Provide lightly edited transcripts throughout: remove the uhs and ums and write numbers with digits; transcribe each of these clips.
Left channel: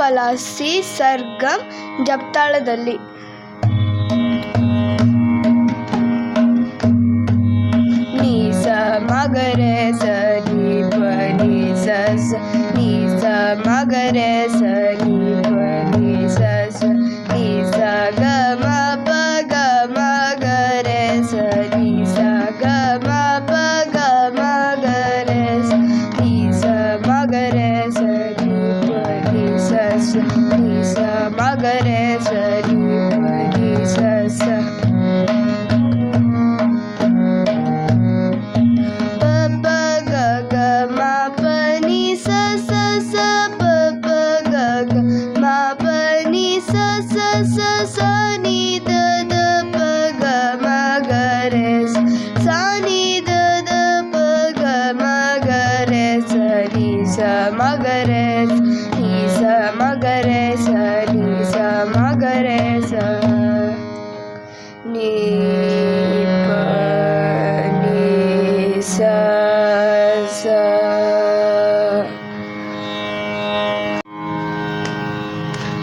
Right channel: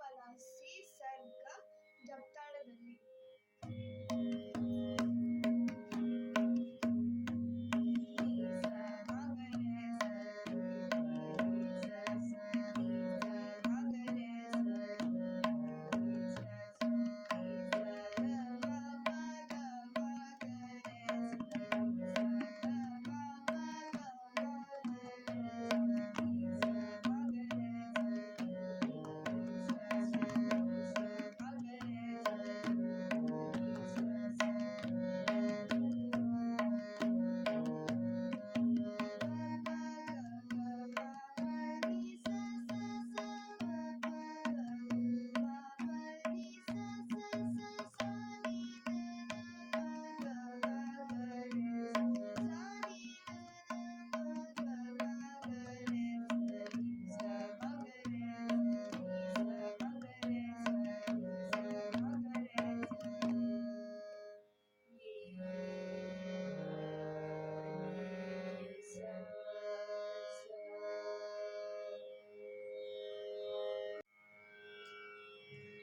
ಬಿಂಪಲಾಸಿ ಸರ್ಗಮ್ ಜಪ್ತಾಳದಲ್ಲಿ. ನೀ ಸ ಮಗರೆ ಸ ನೀ ಪ ನೀ ಸ ಸ ನೀ ಸ ಮಗರೆ ಸ ನೀ ಪ ನೀ ಸ ಸ ನೀ ಸ ಗ ಮ ಪ ಗ ಮ ಗ re ಸ ನೀ ಸ ಗ ಮ ಪ ಗ ಮ ಗ re ಸ ನೀ ಸ ಮಗ re ಸ ನೀ ಪ ನೀ ಸ ಸ ನೀ ಸ ಮಗ re ಸ ನೀ ಪ ನೀ ಸ ಸ ಮಗರೆ ನೀ ಸ ಮಗರೆ ಸ ನೀ ಸ ಮಗರೆ ಸ ನೀ ಪ ನೀ ಸ ಸ.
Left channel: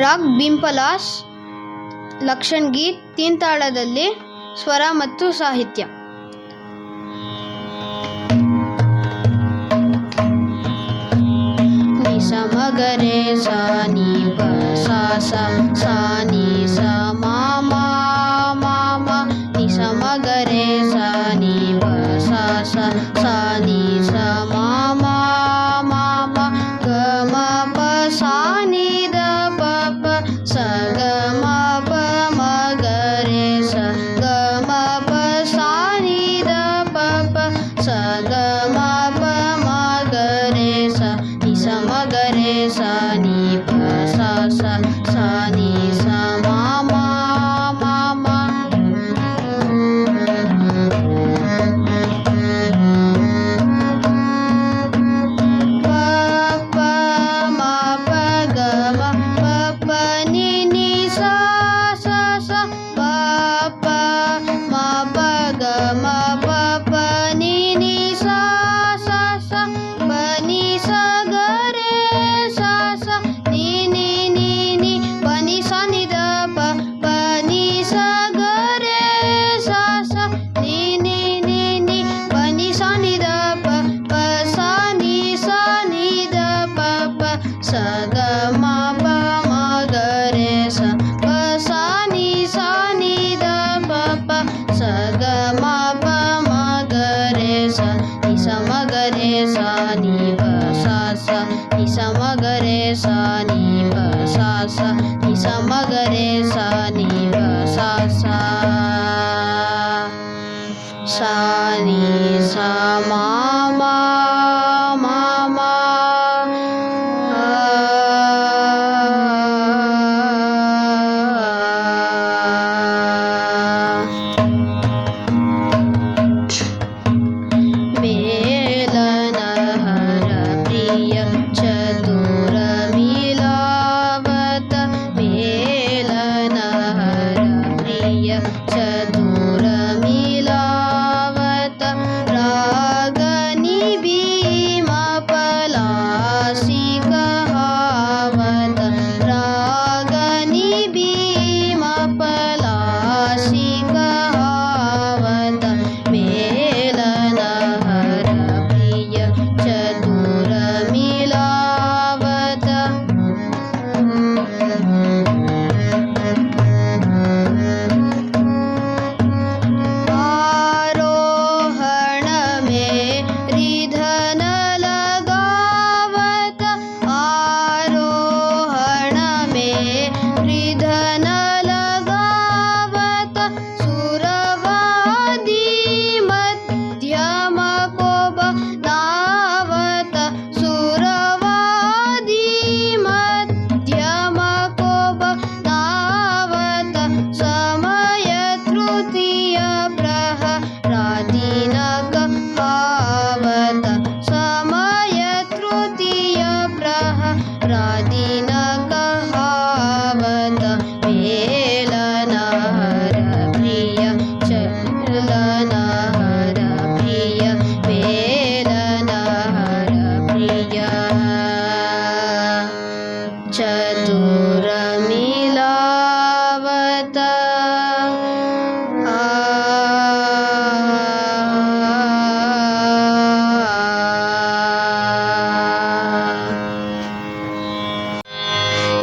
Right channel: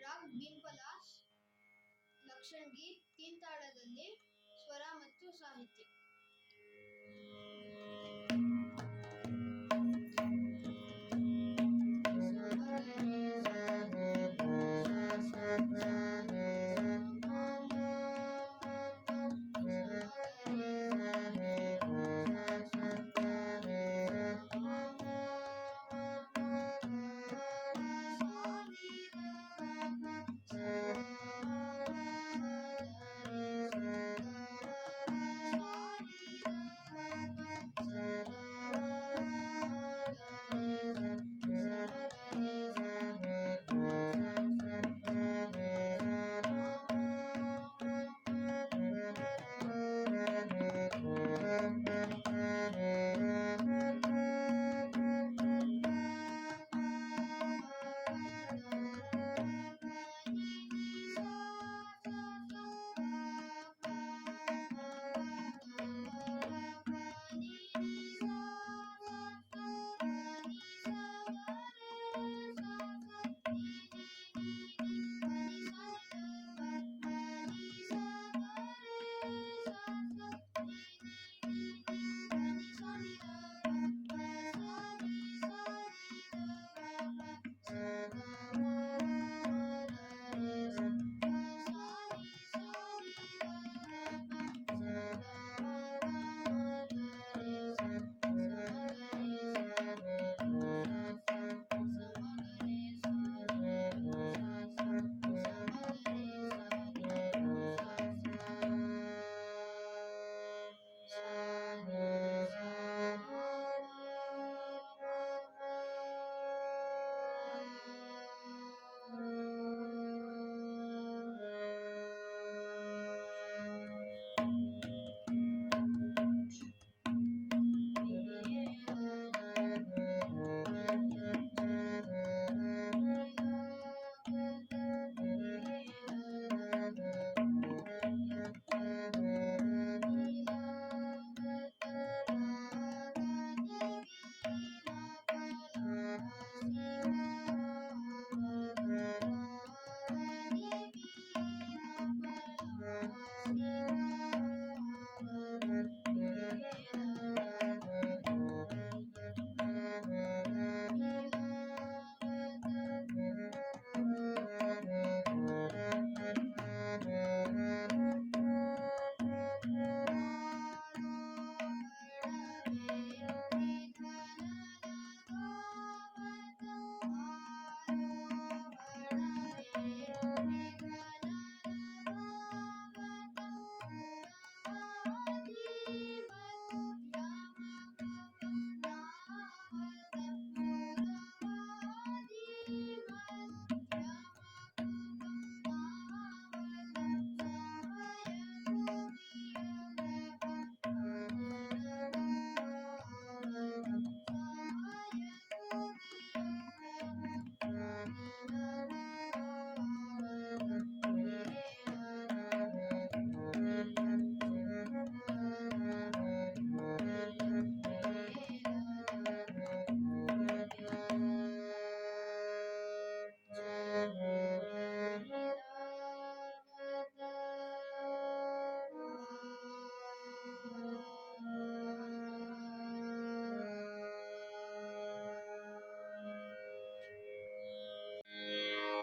ರಾಗ್ ಬಿಂಪಲಾಸ್ ಲಕ್ಷಣ್ ಗೀತ್ ತೀನ್ ತಾಳದಲ್ಲಿ ಸ್ವರ ಮತ್ತು ಸಾಹಿತ್ಯ. ನಿ ಸ ಮಗರೆ ಸ ನೀ ಪ ಸ ಸ ಸ ನೀ ಸ ಮಾ ಮಾ ಮಾ ಮಾ ನಿ ಸ ಮಗರೆ ಸ ನೀ ಪ ಸ ಸ ಸ ನೀ ಸ ಮಾ ಮಾ ಮಾ ಮಾ ಗ ಮ ಪ ಸ ನೀ ದ ಪ ಪ ಸ ಗ ಮ ಪ ಮ ಗ re ಸ ಗ ಮ ಪ ಸ ನೀ ದ ಪ ಪ ಸ ಗ ಮ ಪ ಮ ಗ re ಸ ನಿ ಸ ಮ ಗ re ಸ ನೀ ಪ ಸ ಸ ಸ ನೀ ಸ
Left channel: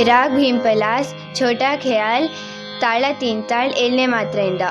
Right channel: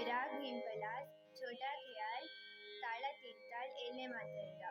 ರಾಗ್ ಭೀಂಪಲಾಸ್ ಛೋಟಾ ಖಯಾಲ್ ತಾಳ ತೀನ್ ತಾಳ್ 7ನೇ ಮಾತ್ರೆಯಿಂದ.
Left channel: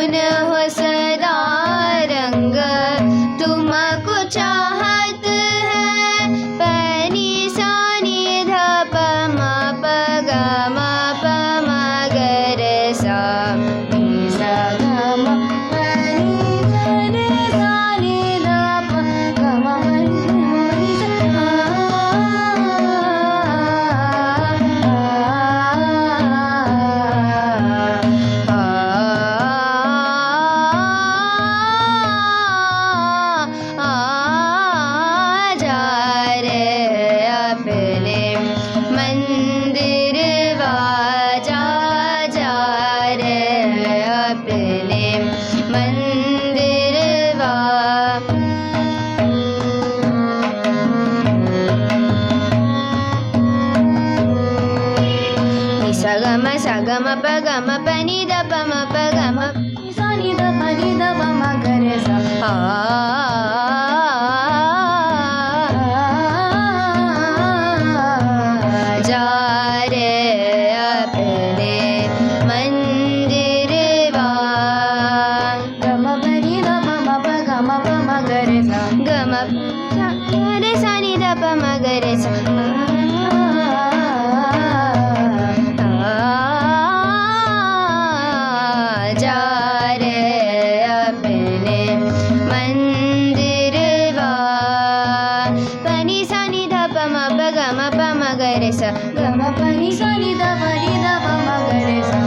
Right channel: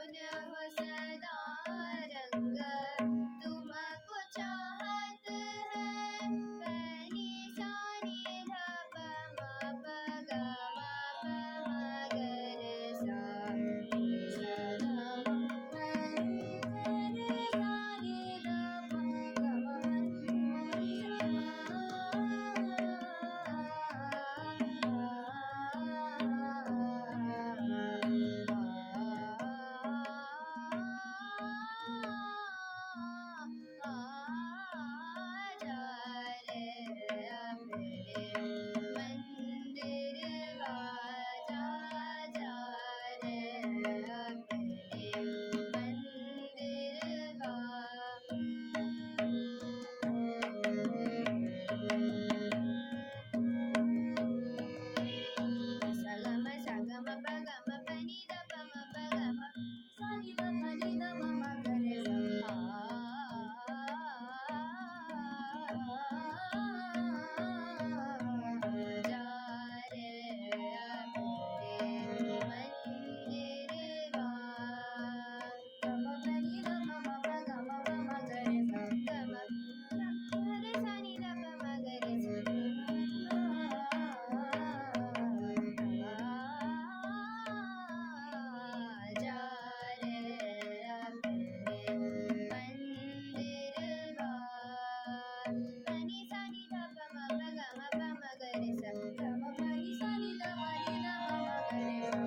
जुनून ಹೊಸದಾ रंग तुमको चाहत है पनी सा नि ध प म प ग म प म ग रे सा नि सा ग म प नि ग रे सा नि ध प ग म प नि सा जा रे अपने मंदिर जा रे अपने मंदिर सा ग म प ग म प नि द प म प ग म सा नि द प नि द प म ग रे सा जा रे अपने मंदिर ग म प नि द प म प ग म प म ग रे सा ग म रे सा नि द प म ग रे सा जा रे अपने मंदिर पनी सा नि ध प म प ग म प म ग रे सा ग म प नि सा नि ध प नि ध प म ग रे सा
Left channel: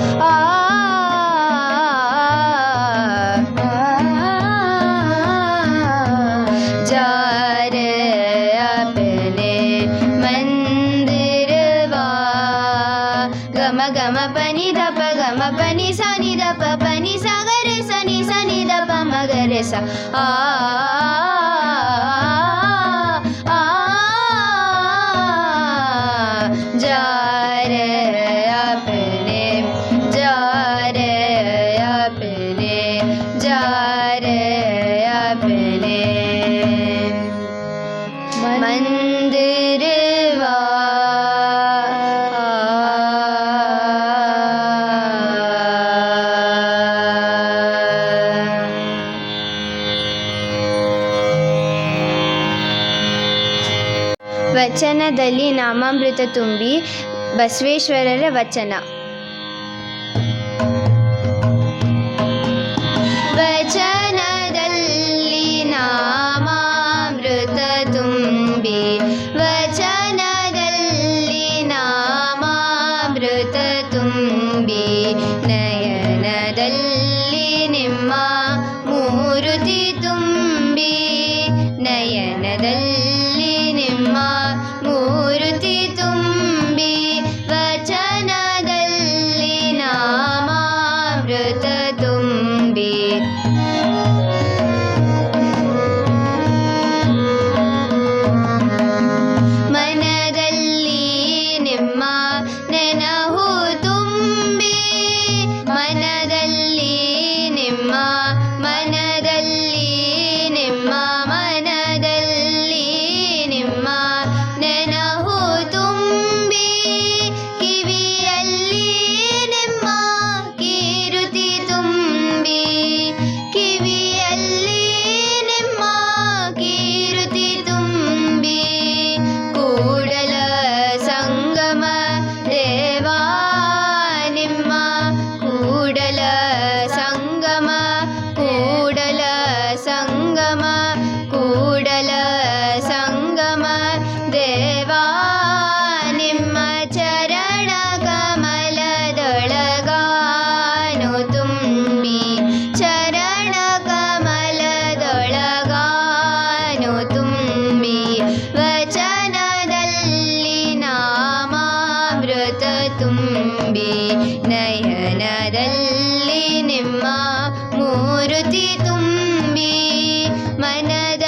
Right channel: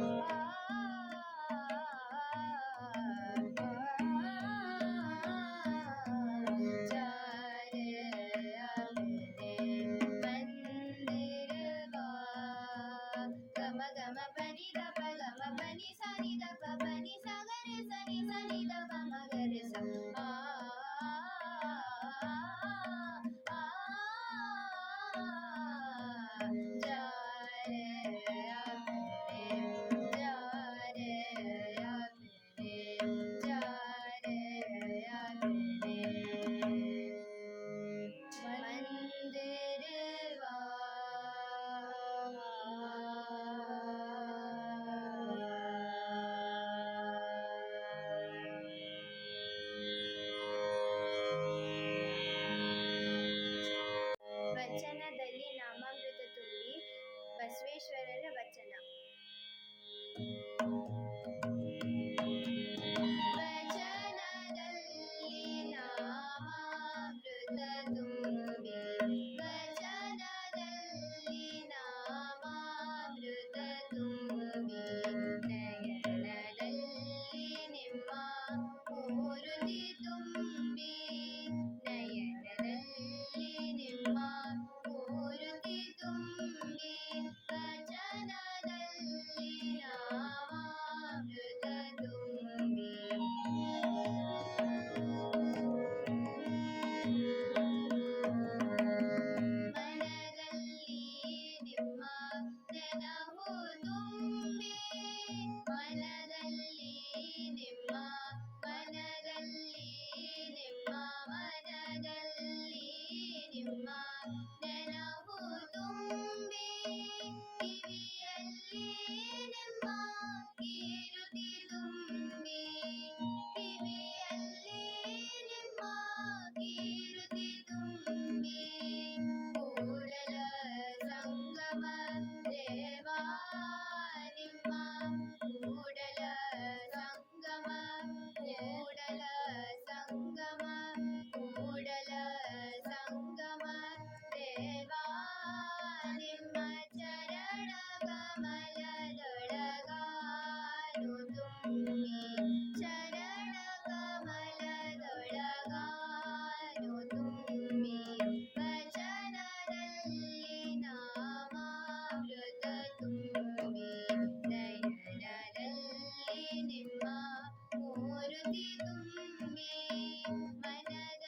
जा रे अपने मंदिर ग म प नि ध प ग म प नि सा नि ध प प नि सा ग रे सा नि ध प म ग रे सा जा रे अपने जा रे अपने जा रे अपने मंदिर ವಚನದಲ್ಲಿ ನಾಮಾಮೃತ ತುಂಬಿ ಬಸವೇಶ್ವರರ ವಚನ. ವಚನದಲ್ಲಿ ನಾಮಾಮೃತ ತುಂಬಿ ವಚನದಲ್ಲಿ ನಾಮಾಮೃತ ತುಂಬಿ ನಯನದಲ್ಲಿ ನಿಮ್ಮ ಮೂರುತಿ ತುಂಬಿ ನಯನದಲ್ಲಿ ನಿಮ್ಮ ಮೂರುತಿ ತುಂಬಿ ವಚನದಲ್ಲಿ ನಾಮಾಮೃತ ತುಂಬಿ ಮನದಲ್ಲಿ ನಿಮ್ಮ ನೆನಹು ತುಂಬಿ ಮನದಲ್ಲಿ ನಿಮ್ಮ ಮನದಲ್ಲಿ ನಿಮ್ಮ ಮನದಲ್ಲಿ ನಿಮ್ಮ ನೆನಹು ತುಂಬಿ ಕಿವಿಯಲ್ಲಿ ನಿಮ್ಮ ಕೀರುತಿ ತುಂಬಿ ಕಿವಿಯಲ್ಲಿ ನಿಮ್ಮ ಕೀರುತಿ ತುಂಬಿ ಕೂಡಲ ಸಂಗಮ ದೇವಾ ನಿಮ್ಮ ಕೂಡಲ ಸಂಗಮ ಕೂಡಲ ಸಂಗಮ ಕೂಡಲ ಸಂಗಮ ದೇವಾ ನಿಮ್ಮ ಚರಣ ಕಮಲದೊಳಗಾನು ತುಂಬಿ ಚರಣ ಕಮಲದೊಳಗಾನು ತುಂಬಿ ವಚನದಲ್ಲಿ ನಾಮಾಮೃತ ತುಂಬಿ ನಯನದಲ್ಲಿ ನಿಮ್ಮ ಮೂರುತಿ ತುಂಬಿ ಮನದ